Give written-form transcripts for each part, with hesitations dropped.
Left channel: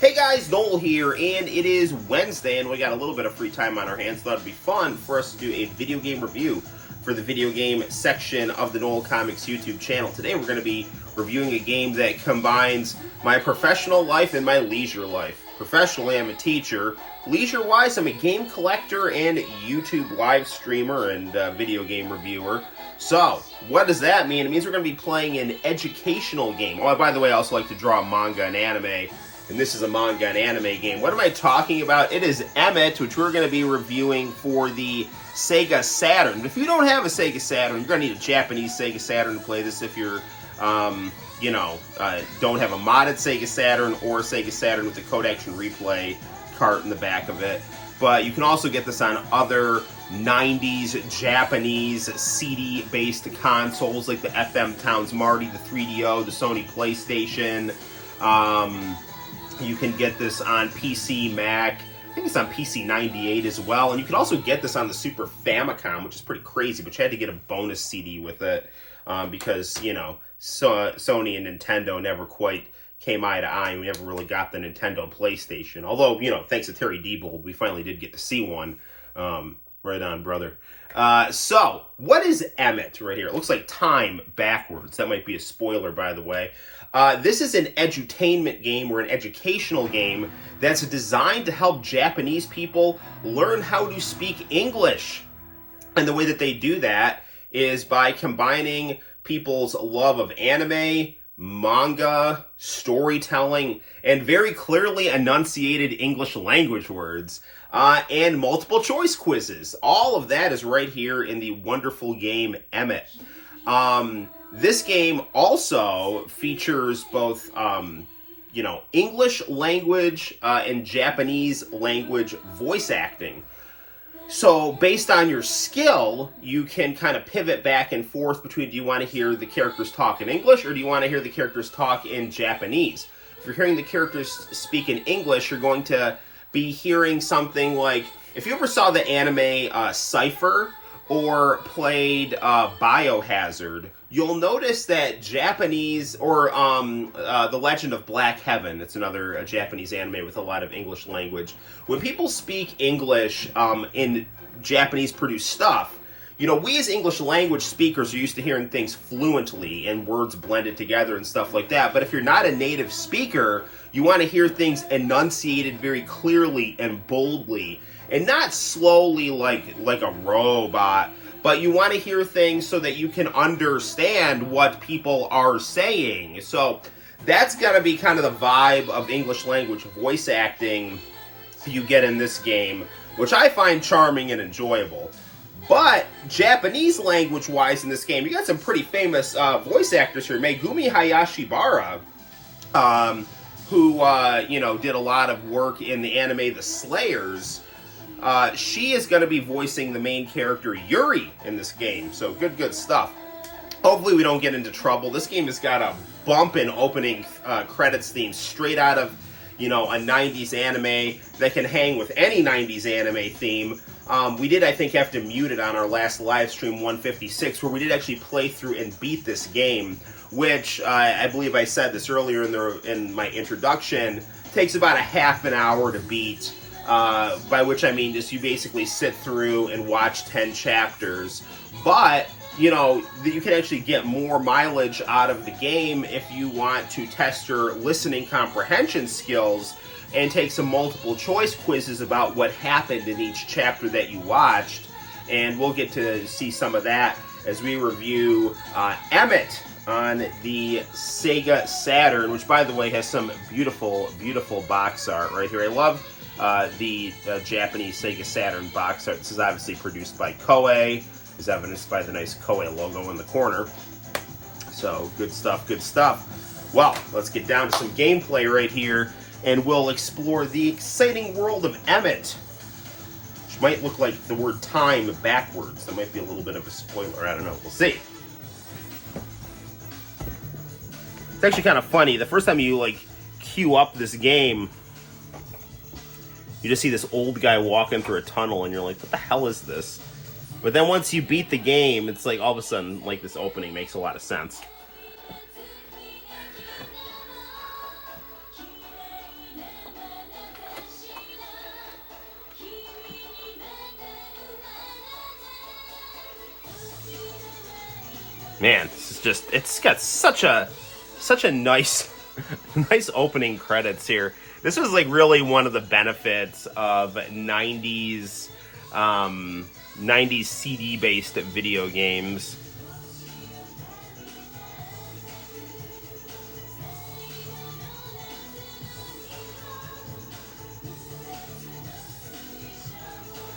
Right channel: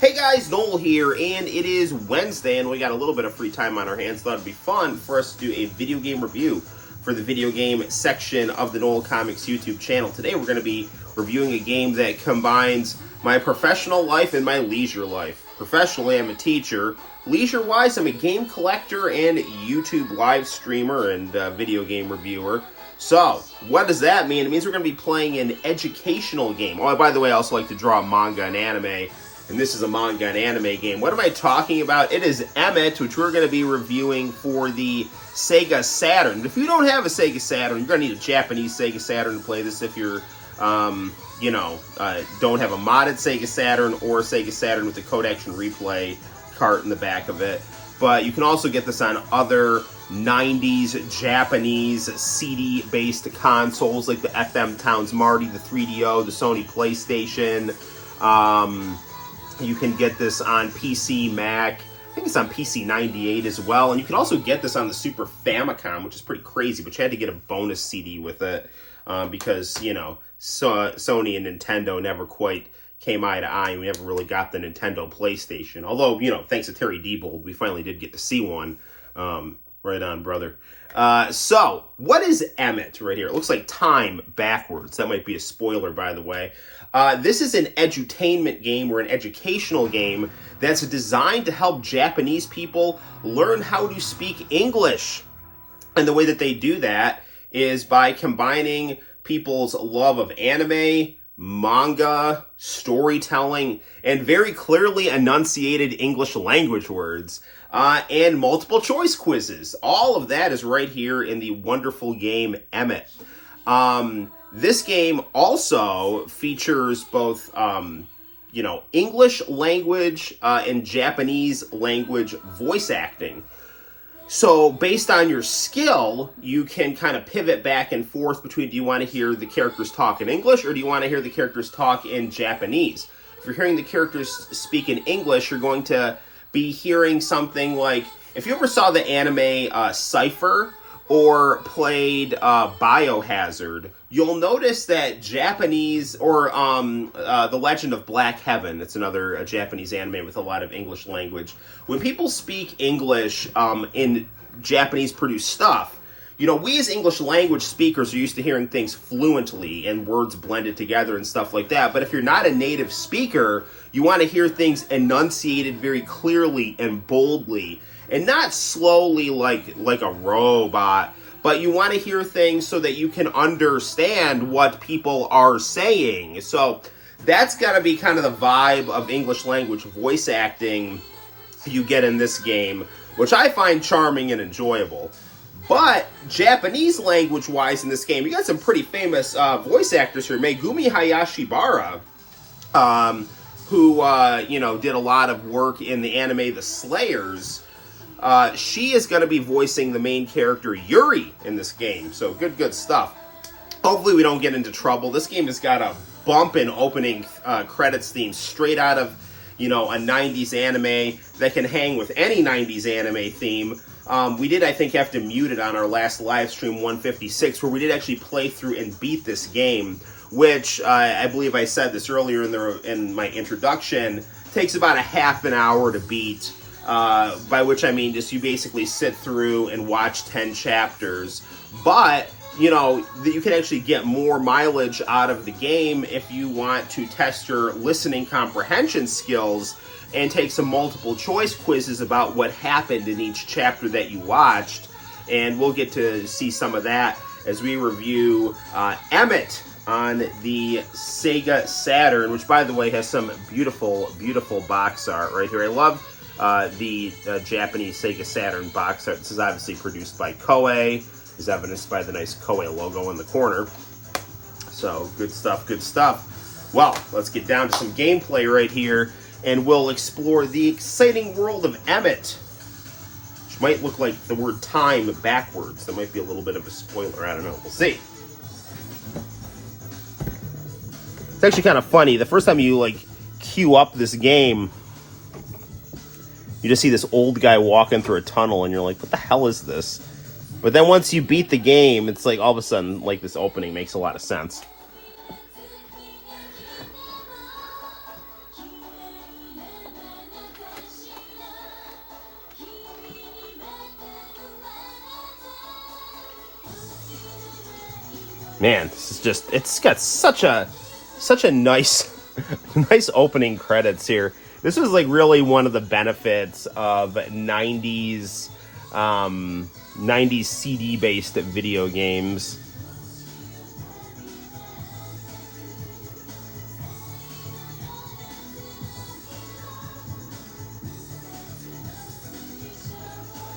Hey guys, Noel here, and it is Wednesday, and we got a little bit of free time on our hands. Thought it'd be fun for us to do a video game review for the video game section of the Noel Comics YouTube channel. Today we're going to be reviewing a game that combines my professional life and my leisure life. Professionally, I'm a teacher. Leisure-wise, I'm a game collector and YouTube live streamer and video game reviewer. So, what does that mean? It means we're going to be playing an educational game. Oh, by the way, I also like to draw manga and anime, and this is a manga and anime game. What am I talking about? It is EMIT, which we're going to be reviewing for the Sega Saturn. If you don't have a Sega Saturn, you're going to need a Japanese Sega Saturn to play this if you're, don't have a modded Sega Saturn or a Sega Saturn with the Code Action Replay cart in the back of it. But you can also get this on other 90s Japanese CD-based consoles like the FM Towns Marty, the 3DO, the Sony PlayStation. You can get this on PC, Mac. I think it's on PC 98 as well. And you can also get this on the Super Famicom, which is pretty crazy, but you had to get a bonus CD with it because, Sony and Nintendo never quite came eye to eye, and we never really got the Nintendo PlayStation. Although, thanks to Terry Diebold, we finally did get to see one. Right on, brother. So, what is EMIT right here? It looks like time backwards. That might be a spoiler, by the way. This is an edutainment game, or an educational game, that's designed to help Japanese people learn how to speak English. And the way that they do that is by combining people's love of anime, manga, storytelling, and very clearly enunciated English language words, and multiple choice quizzes. All of that is right here in the wonderful game EMIT. This game also features both, English language and Japanese language voice acting. So, based on your skill, you can kind of pivot back and forth between, do you want to hear the characters talk in English, or do you want to hear the characters talk in Japanese? If you're hearing the characters speak in English, you're going to be hearing something like, if you ever saw the anime Cypher, or played Biohazard, you'll notice that Japanese, or The Legend of Black Heaven, it's another Japanese anime with a lot of English language. When people speak English in Japanese-produced stuff, we as English language speakers are used to hearing things fluently and words blended together and stuff like that. But if you're not a native speaker, you want to hear things enunciated very clearly and boldly, and not slowly like a robot, but you want to hear things so that you can understand what people are saying. So that's got to be kind of the vibe of English language voice acting you get in this game, which I find charming and enjoyable. But Japanese language-wise in this game, you got some pretty famous voice actors here. Megumi Hayashibara, who did a lot of work in the anime The Slayers. She is going to be voicing the main character, Yuri, in this game. So, good stuff. Hopefully we don't get into trouble. This game has got a bumpin' opening credits theme straight out of, a 90s anime that can hang with any 90s anime theme. We did, I think, have to mute it on our last live stream 156, where we did actually play through and beat this game, which I believe I said this earlier in my introduction, takes about a half an hour to beat. By which I mean just you basically sit through and watch 10 chapters. But, you can actually get more mileage out of the game if you want to test your listening comprehension skills and take some multiple choice quizzes about what happened in each chapter that you watched. And we'll get to see some of that as we review EMIT on the Sega Saturn, which, by the way, has some beautiful, beautiful box art right here. I love the Japanese Sega Saturn box art. This is obviously produced by Koei, as evidenced by the nice Koei logo in the corner. So, good stuff, good stuff. Well, let's get down to some gameplay right here, and we'll explore the exciting world of EMIT, which might look like the word time backwards. That might be a little bit of a spoiler, I don't know, we'll see. It's actually kind of funny. The first time you, queue up this game, you just see this old guy walking through a tunnel, and you're like, what the hell is this? But then once you beat the game, it's like all of a sudden, this opening makes a lot of sense. Man, this is just, it's got such a nice nice opening credits here. This was like really one of the benefits of 90s 90s CD based video games.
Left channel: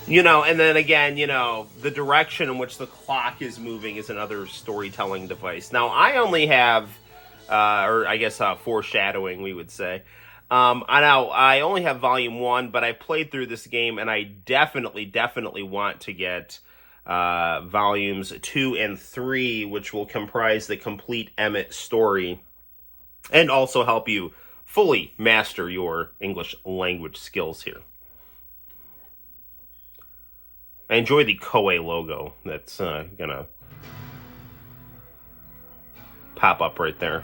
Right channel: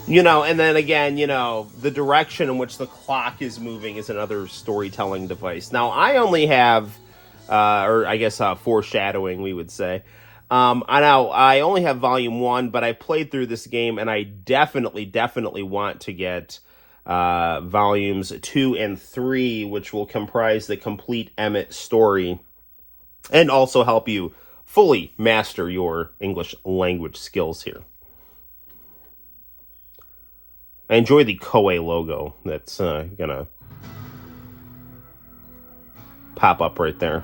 You know, and then again, you know, the direction in which the clock is moving is another storytelling device. Now, I only have, or I guess foreshadowing, we would say. I know I only have volume 1, but I played through this game, and I definitely want to get volumes 2 and 3, which will comprise the complete EMIT story, and also help you fully master your English language skills here. I enjoy the Koei logo that's gonna pop up right there.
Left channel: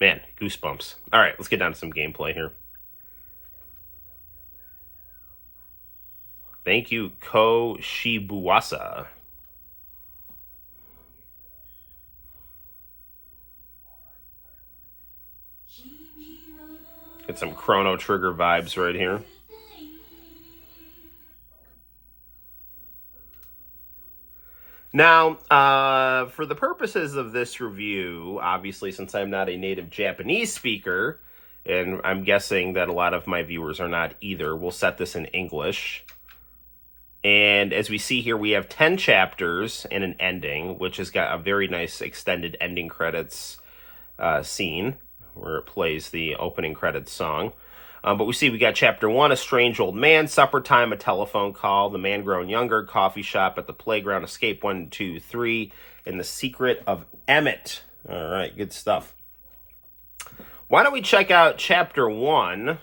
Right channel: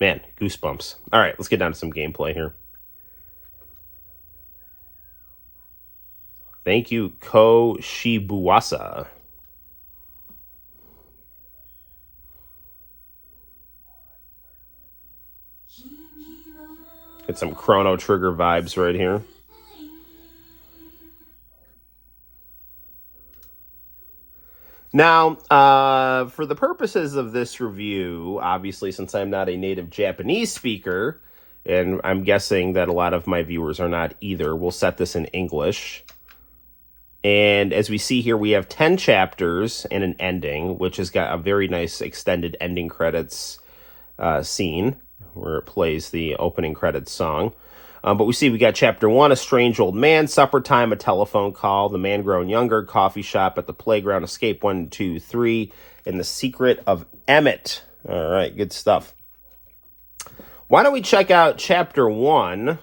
Man, goosebumps. All right, let's get down to some gameplay here. Thank you, Ko Shibuasa. Get some Chrono Trigger vibes right here. Now, for the purposes of this review, obviously, since I'm not a native Japanese speaker, and I'm guessing that a lot of my viewers are not either, we'll set this in English. And as we see here, we have 10 chapters and an ending, which has got a very nice extended ending credits scene, where it plays the opening credits song. But we see we got chapter 1, a strange old man, supper time, a telephone call, the man grown younger, coffee shop at the playground, escape 1, 2, 3, and the secret of EMIT. All right, good stuff. Why don't we check out chapter 1,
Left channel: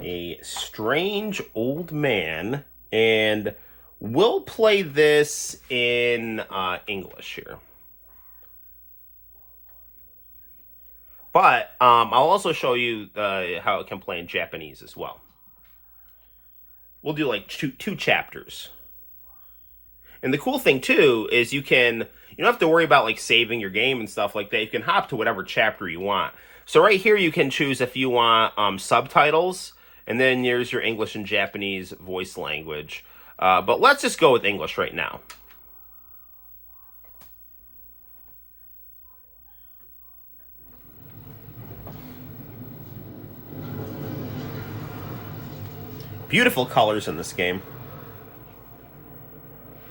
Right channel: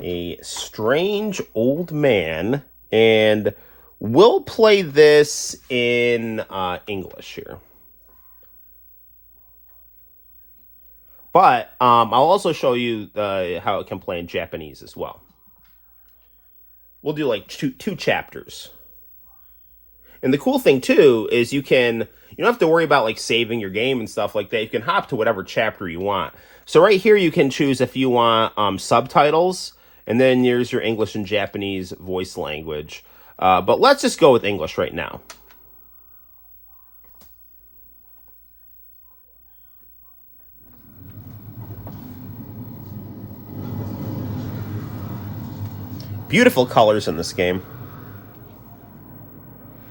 a strange old man, and we'll play this in English here. But I'll also show you how it can play in Japanese as well. We'll do like two chapters. And the cool thing too is you don't have to worry about like saving your game and stuff like that. You can hop to whatever chapter you want. So right here you can choose if you want subtitles, and then there's your English and Japanese voice language. But let's just go with English right now. Beautiful colors in this game.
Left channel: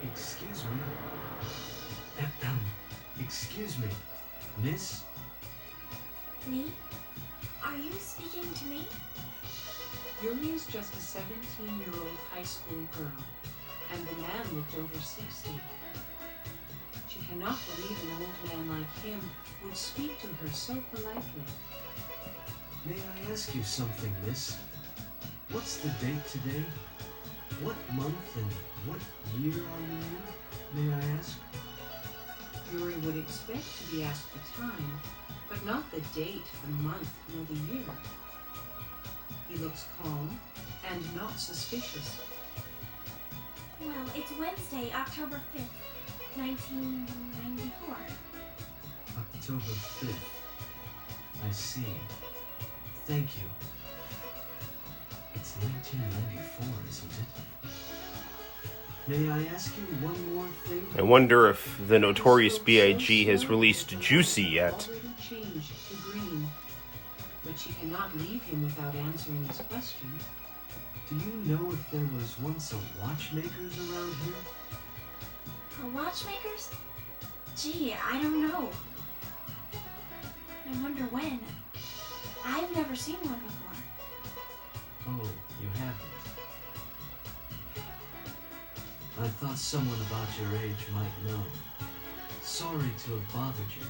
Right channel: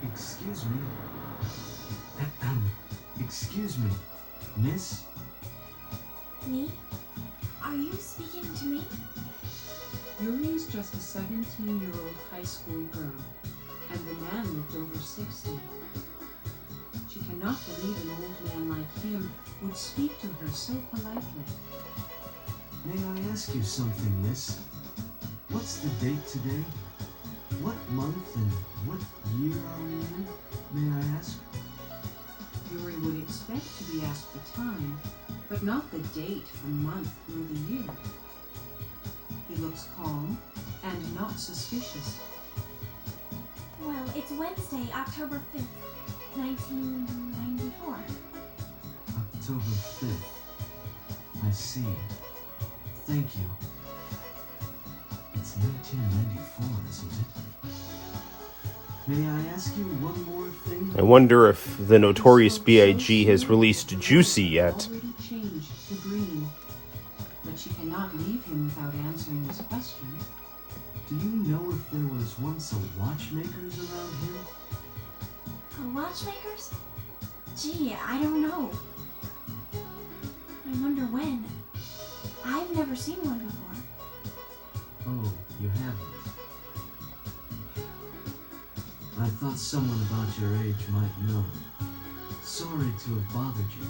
Excuse me. Excuse me, miss? Me? Are you speaking to me? Yuri's just a 17-year-old high school girl, and the man looked over 60. She cannot believe an old man like him would speak to her so politely. May I ask you something, miss? What's the date today? What month and what year are we in? May I ask? Yuri would expect to be asked the time, but not the date, the month, nor the year. He looks calm and not suspicious. Well, it's Wednesday, October 5th, 1994. October 5th. I see. Thank you. It's 1994, isn't it? May I ask you one more thing? I wonder if the notorious B.I.G. has released Juicy yet. Already changed to green, but she cannot leave him without answering his question. Do you know if there was once a watchmaker's around here? Watchmakers? Gee, I don't know. I wonder when. I've never seen one before. Oh, you haven't? I thought someone about your age might know. Sorry to have bothered you.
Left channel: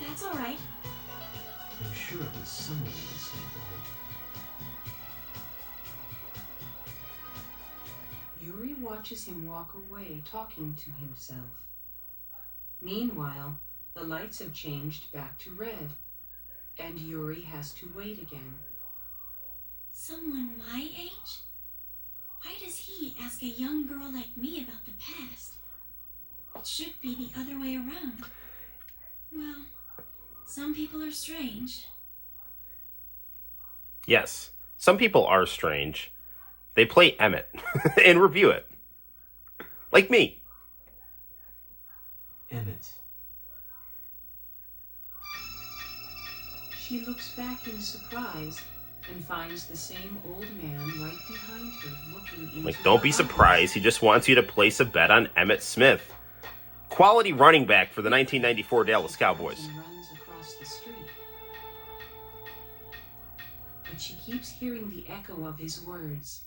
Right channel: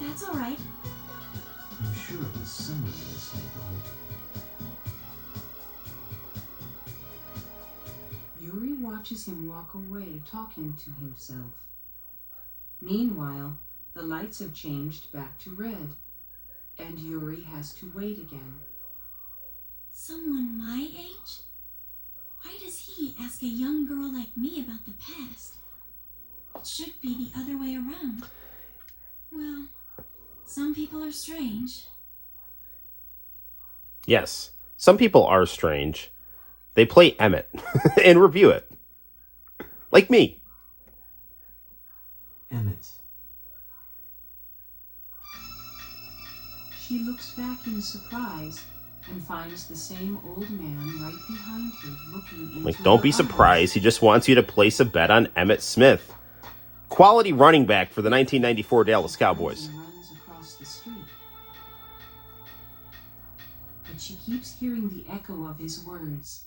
That's all right. I'm sure it was someone in this neighborhood. Yuri watches him walk away, talking to himself. Meanwhile, the lights have changed back to red, and Yuri has to wait again. Someone my age? Why does he ask a young girl like me about the past? It should be the other way around. Well, some people are strange. Yes, some people are strange. They play Emmett and review it. Like me. Emmett. She looks back in surprise and finds the same old man right behind her, looking into Like, don't her be eyes. surprised. He just wants you to place a bet on Emmett Smith. Quality running back for the 1994 Dallas Cowboys. And runs across the street. But she keeps hearing the echo of his words.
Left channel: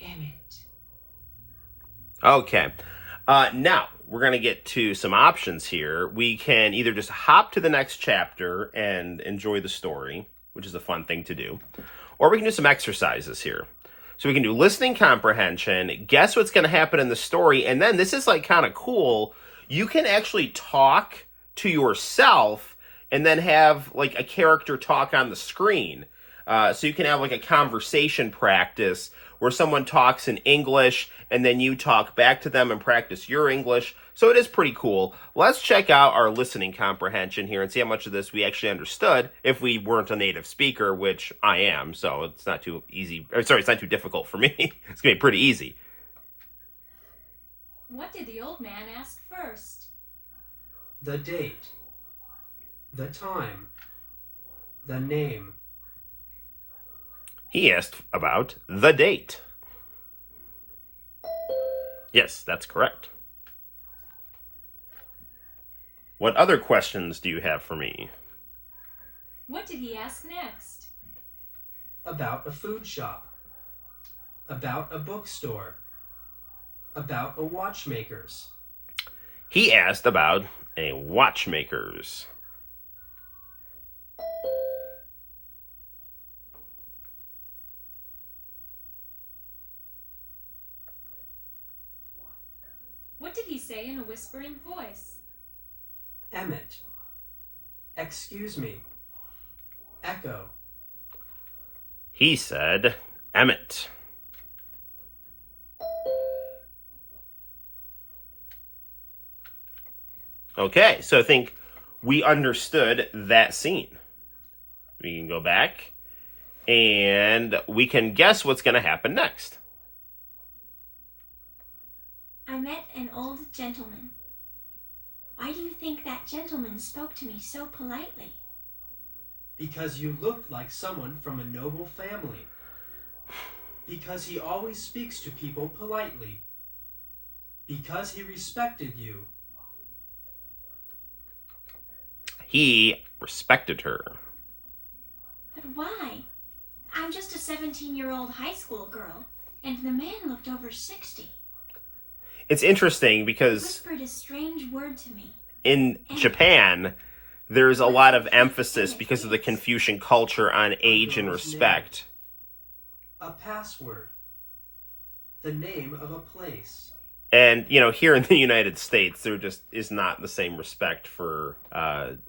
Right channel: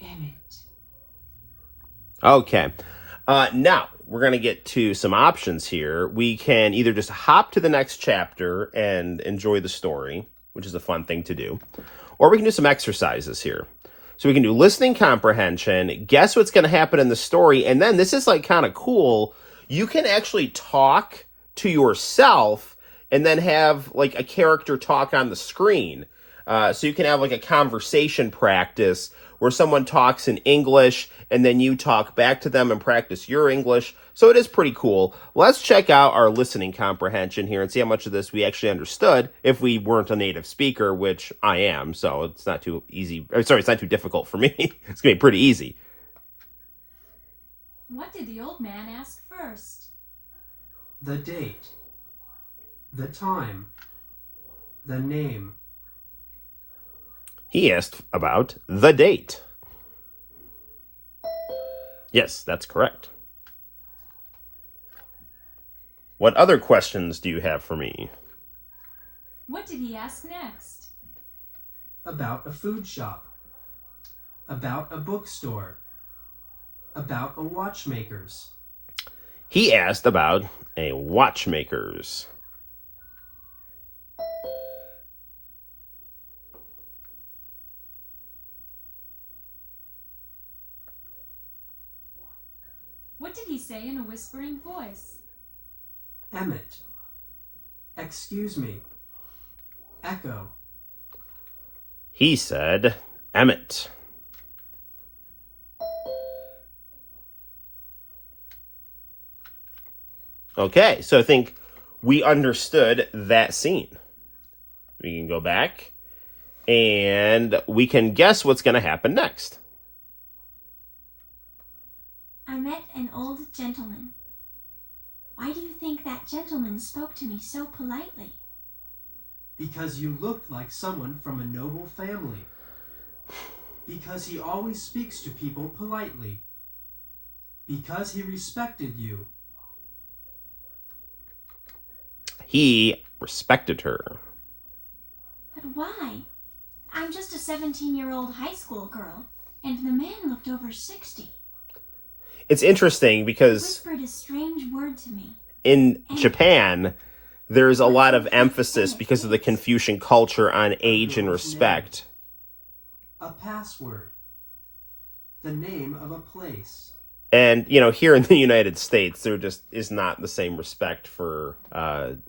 Emmett. Okay. Now, we're going to get to some options here. We can either just hop to the next chapter and enjoy the story, which is a fun thing to do, or we can do some exercises here. So we can do listening comprehension, guess what's going to happen in the story, and then this is like kind of cool. You can actually talk to yourself and then have like a character talk on the screen. So you can have like a conversation practice where someone talks in English and then you talk back to them and practice your English. So it is pretty cool. Let's check out our listening comprehension here and see how much of this we actually understood if we weren't a native speaker, which I am. So it's not too easy. Or sorry, it's not too difficult for me. It's going to be pretty easy. What did the old man ask first? The date. The time. The name. He asked about the date. Yes, that's correct. What other questions do you have for me? What did he ask next? About a food shop. About a bookstore. About a watchmaker's. He asked about a watchmaker's. What did he say in a whispering voice? Emmett. Excuse me. Echo. He said, Emmett. Okay, so I think we understood that scene. We can go back and we can guess what's going to happen next. I met an old gentleman. Why do you think that gentleman spoke to me so politely? Because you looked like someone from a noble family. Because he always speaks to people politely. Because he respected you. He respected her. But why? I'm just a 17-year-old high school girl, and the man looked over 60. It's interesting because Whispered a strange word to me. in Japan, there's a lot of emphasis because of the Confucian culture on age and respect. A password. The name of a place. And, you know, here in the United States, there just is not the same respect for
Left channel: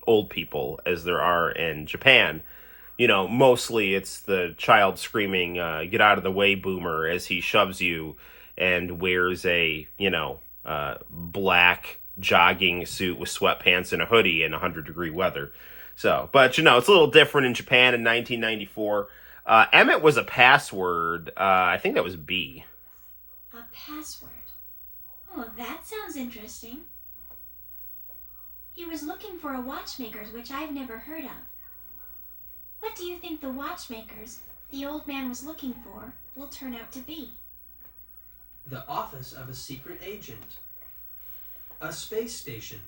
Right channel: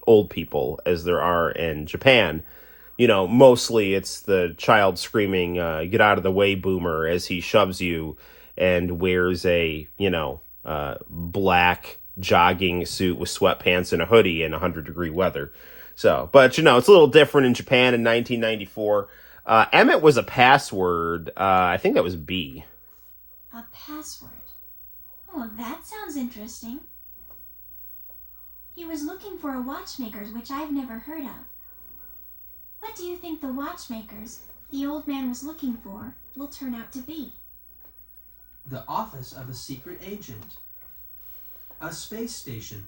old people as there are in Japan. You know, mostly it's the child screaming, get out of the way, boomer, as he shoves you and wears a, black jogging suit with sweatpants and a hoodie in 100-degree weather. So, but, it's a little different in Japan in 1994. Emmett was a password. I think that was B. A password. Oh, that sounds interesting. He was looking for a watchmaker's, which I've never heard of. What do you think the watchmakers the old man was looking for will turn out to be? The office of a secret agent. A space station.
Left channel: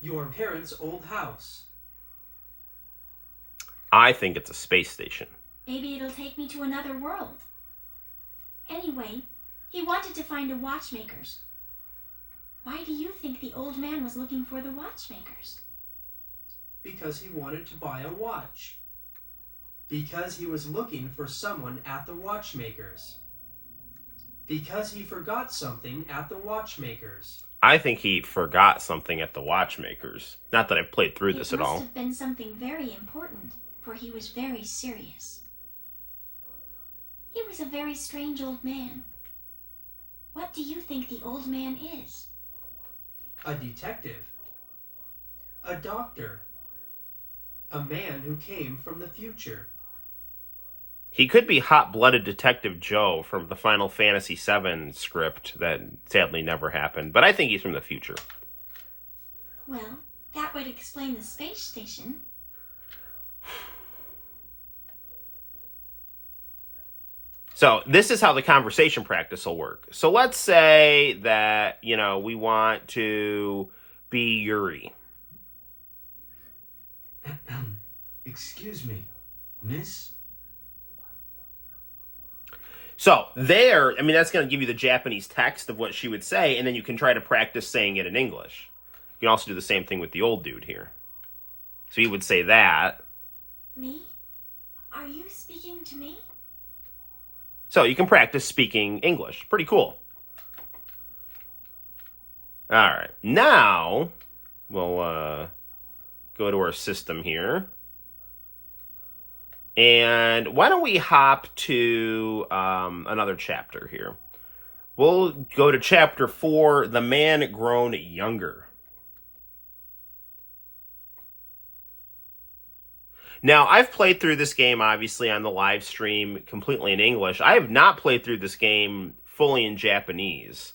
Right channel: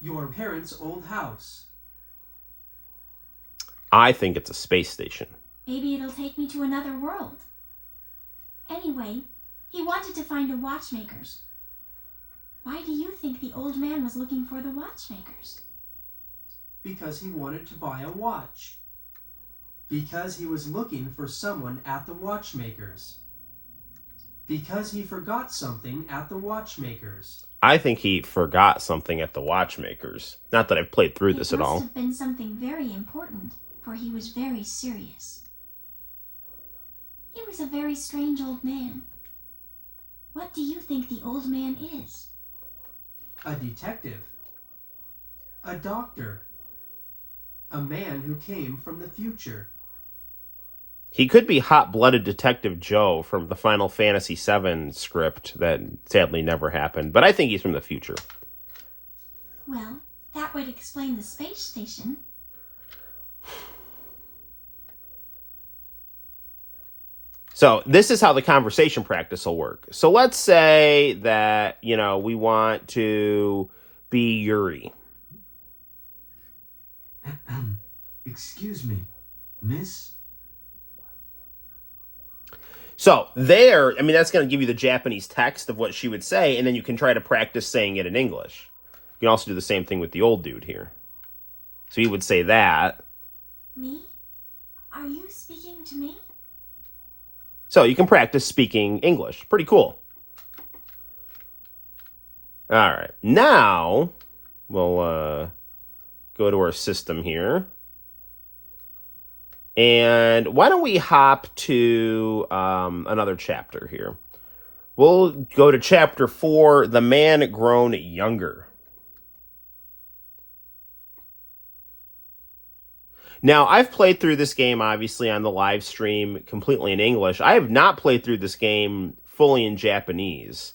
Your parents' old house. I think it's a space station. Maybe it'll take me to another world. Anyway, he wanted to find a watchmaker's. Why do you think the old man was looking for the watchmaker's? Because he wanted to buy a watch. Because he was looking for someone at the watchmaker's. Because he forgot something at the watchmaker's. I think he forgot something at the watchmaker's. Not that I've played through this at It must all. have been something very important, for he was very serious. He was a very strange old man. What do you think the old man is? A detective. A doctor. A man who came from the future. He could be hot-blooded Detective Joe from the Final Fantasy VII script that sadly never happened, but I think he's from the future. Well, that would explain the space station. So this is how the conversation practice will work. So let's say that, we want to be Yuri. Excuse me, miss? So there, that's going to give you the Japanese text of what she would say, and then you can try to practice saying it in English. You can also do the same thing with the old dude here. So he would say that. Me? Are you speaking to me? So you can practice speaking English. Pretty cool. All right. Now, we'll go to our system here. And why don't we hop to another chapter here? We'll go to chapter 4, The Man Grown Younger. Now, I've played through this game, obviously, on the live stream completely in English. I have not played through this game fully in Japanese.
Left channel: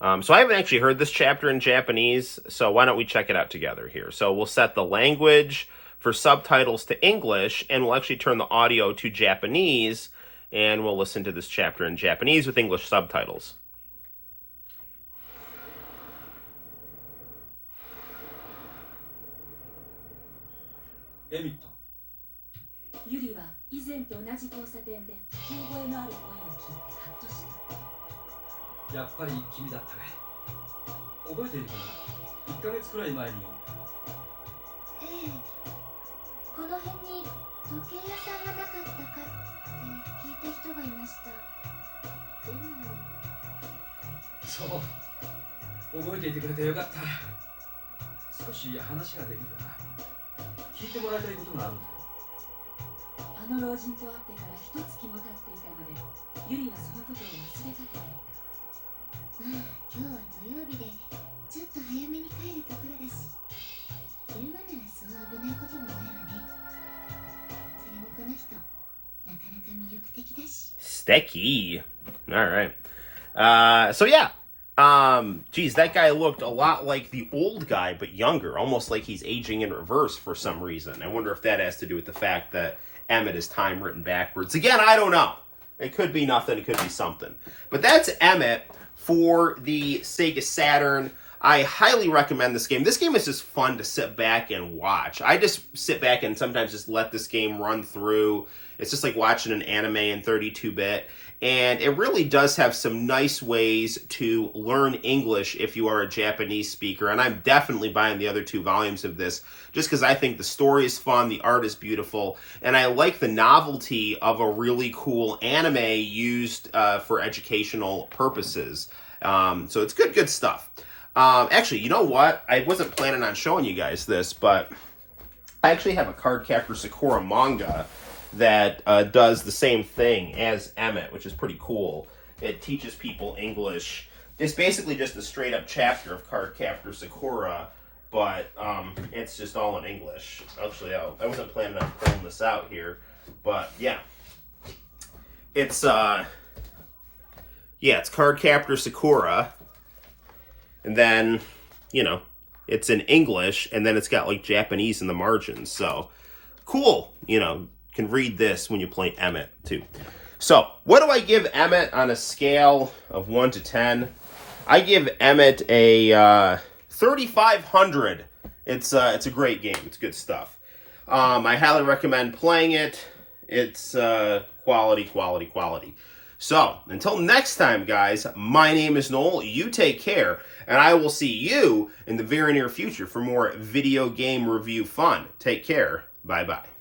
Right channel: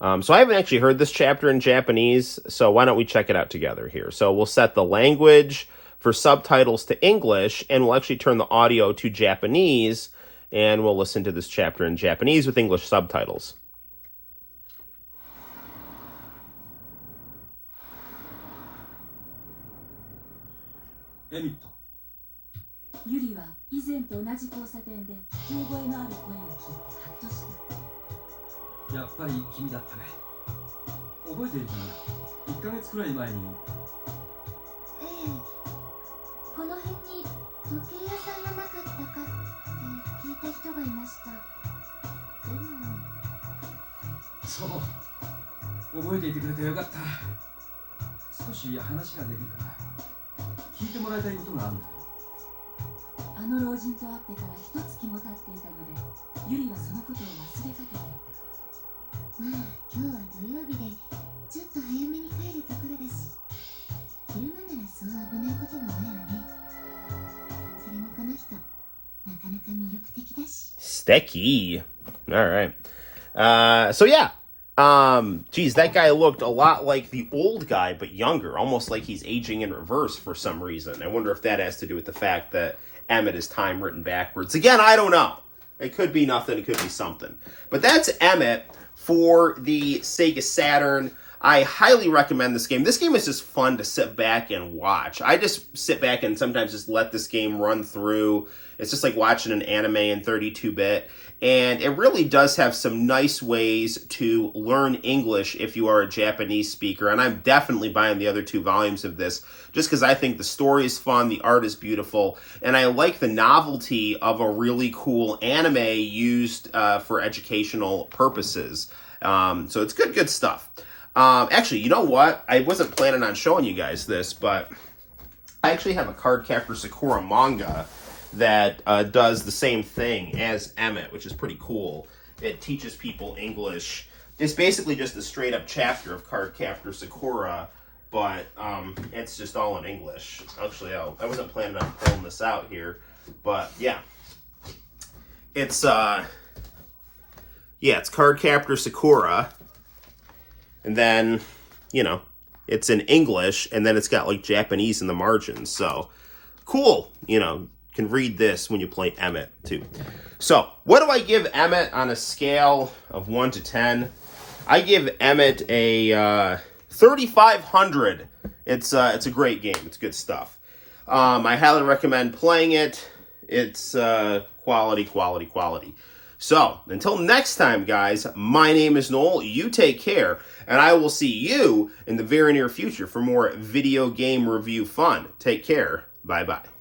So I haven't actually heard this chapter in Japanese, so why don't we check it out together here? So we'll set the language for subtitles to English, and we'll actually turn the audio to Japanese, and we'll listen to this chapter in Japanese with English subtitles. EMIT。ユリは以前と同じ交差点で聞き覚えのある声を聞いてハッとした。やっぱり君だったね。覚えているかな？ 1ヶ月くらい前に。ええ。この辺に時計屋さんがなかったかって聞いた人がいました。でも。そう。覚えていてくれてよかった。少し話ができるかな。聞いてもらいたいことがあるんだよ。あの老人と会ってから1月も経っていたので、ユリはそのことを忘れかけていた。まあ、今日は土曜日でちょっと早めに帰るところだし、昼間ならそう危ないこともないわね。それにこの人、なかなか魅力的だし。Stecky. All right. So yeah. Geez, that guy looked a lot like the old guy, but younger, almost like he's aging in reverse for some reason. I wonder if that has to do with the fact that EMIT is time written backwards. Again, I don't know. It could be nothing. It could be something. But that's EMIT for the Sega Saturn. I highly recommend this game. This game is just fun to sit back and watch. I just sit back and sometimes just let this game run through. It's just like watching an anime in 32-bit. And it really does have some nice ways to learn English if you are a Japanese speaker. And I'm definitely buying the other 2 volumes of this just because I think the story is fun, the art is beautiful, and I like the novelty of a really cool anime used for educational purposes. So it's good stuff. Actually, you know what? I wasn't planning on showing you guys this, but I actually have a Cardcaptor Sakura manga that does the same thing as EMIT, which is pretty cool. It teaches people English. It's basically just a straight-up chapter of Cardcaptor Sakura, but it's just all in English. Actually, I wasn't planning on pulling this out here, but yeah. It's Cardcaptor Sakura, and then, it's in English, and then it's got, like, Japanese in the margins, so cool, can read this when you play EMIT too. So, what do I give EMIT on a scale of 1 to 10? I give EMIT a 3,500. It's a great game. It's good stuff. I highly recommend playing it. It's quality. So, until next time, guys, my name is Noel. You take care, and I will see you in the very near future for more video game review fun. Take care. Bye-bye.